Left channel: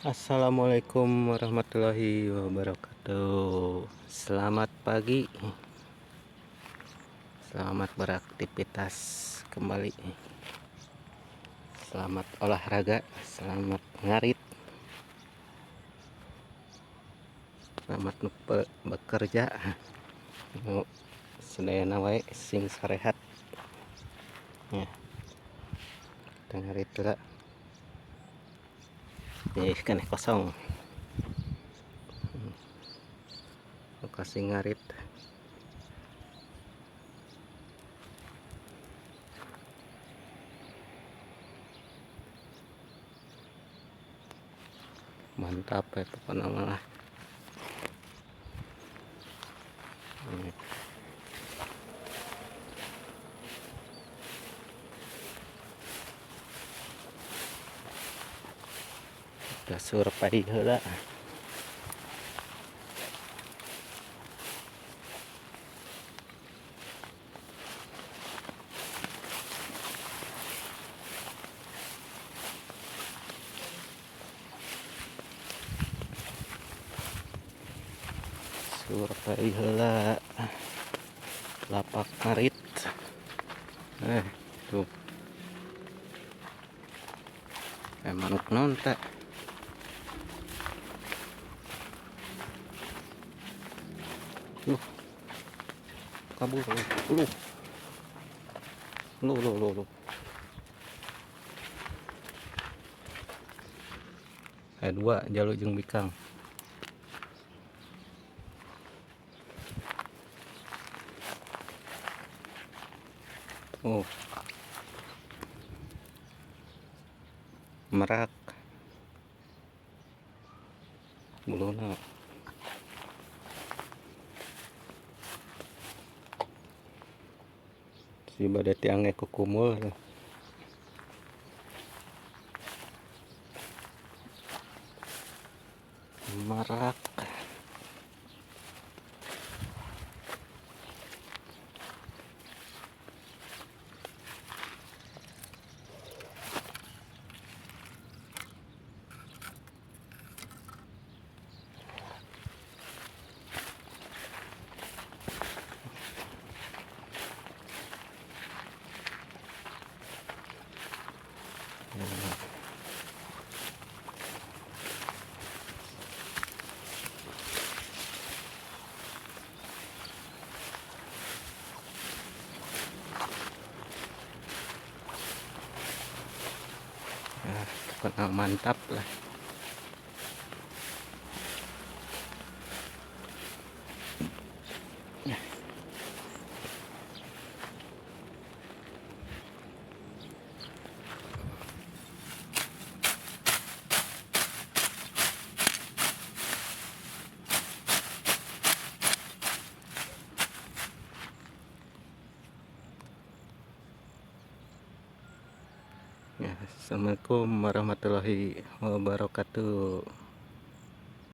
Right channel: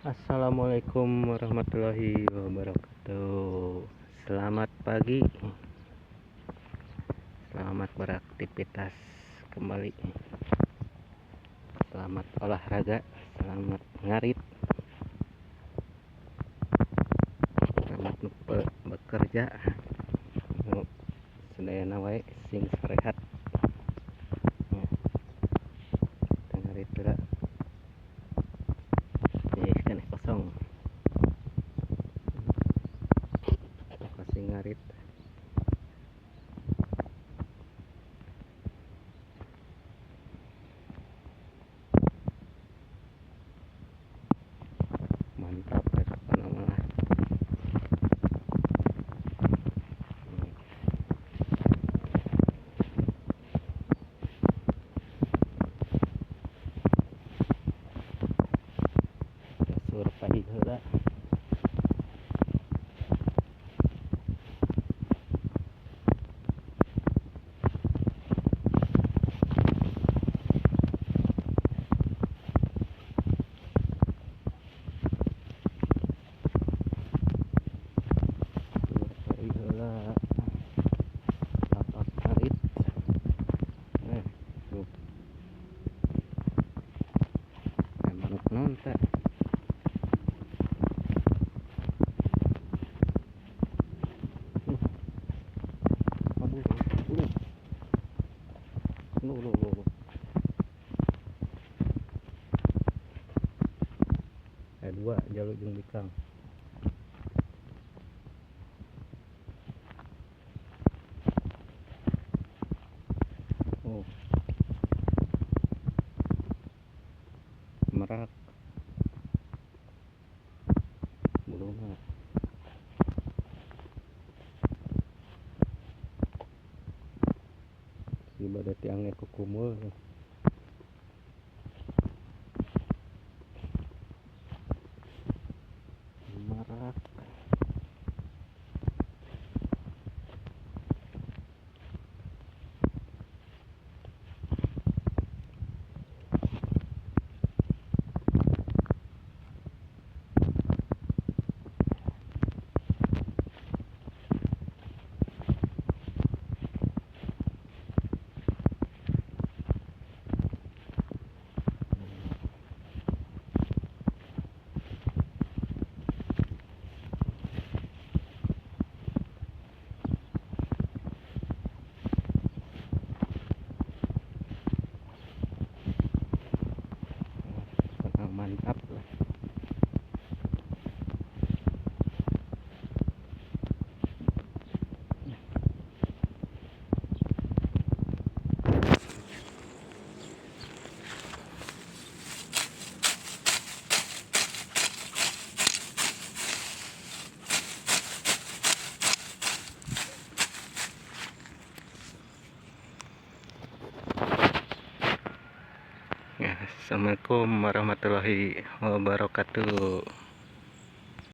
Assalamualaikum warahmatullahi wabarakatuh. Selamat pagi, selamat beraktivitas kembali, selamat olahraga, selamat ngarit, selamat bekerja. Sedayana wae sing sarehat ya, kita ngarit juga jadi kena kosong lokasi ngarit. Mantap ya teman-teman. Survei heula. Survei heula lapak ngarit. Tuh. Manuk naon teh? Kabur lu. Ada dua jalur jeung bikang. Merak buluna si bade tiangnya kukumul. Merak mantap lah. Assalamualaikum warahmatullahi wabarakatuh.